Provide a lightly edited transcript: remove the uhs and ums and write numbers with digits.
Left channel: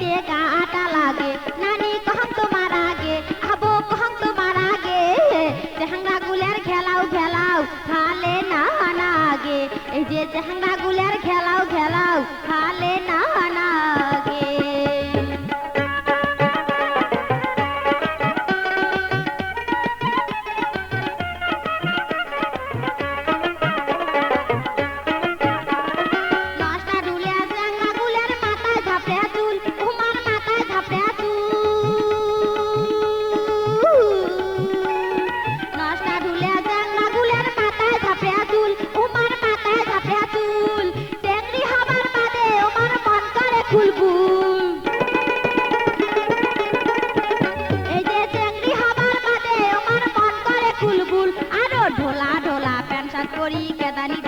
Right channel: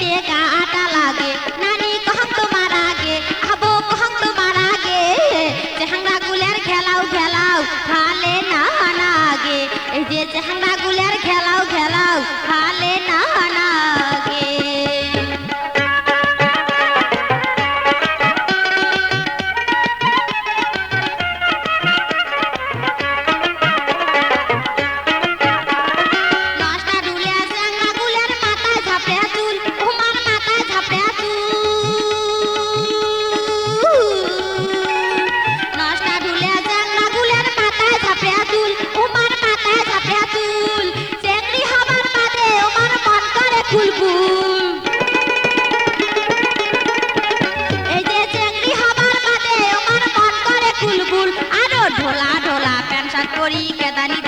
তে গাটা লাগে নানি কহং তোমার আগে আবো কহং তোমার আগে চেহাঙ্গা গুলের খেলাও খেলাও খালে না নাগে এই যে চেহাঙ্গা গুলের খেলাও খেলাও খালে না নাগে ঢোলা ঢোলা প্যান্ট শার্ট পরি কেদানি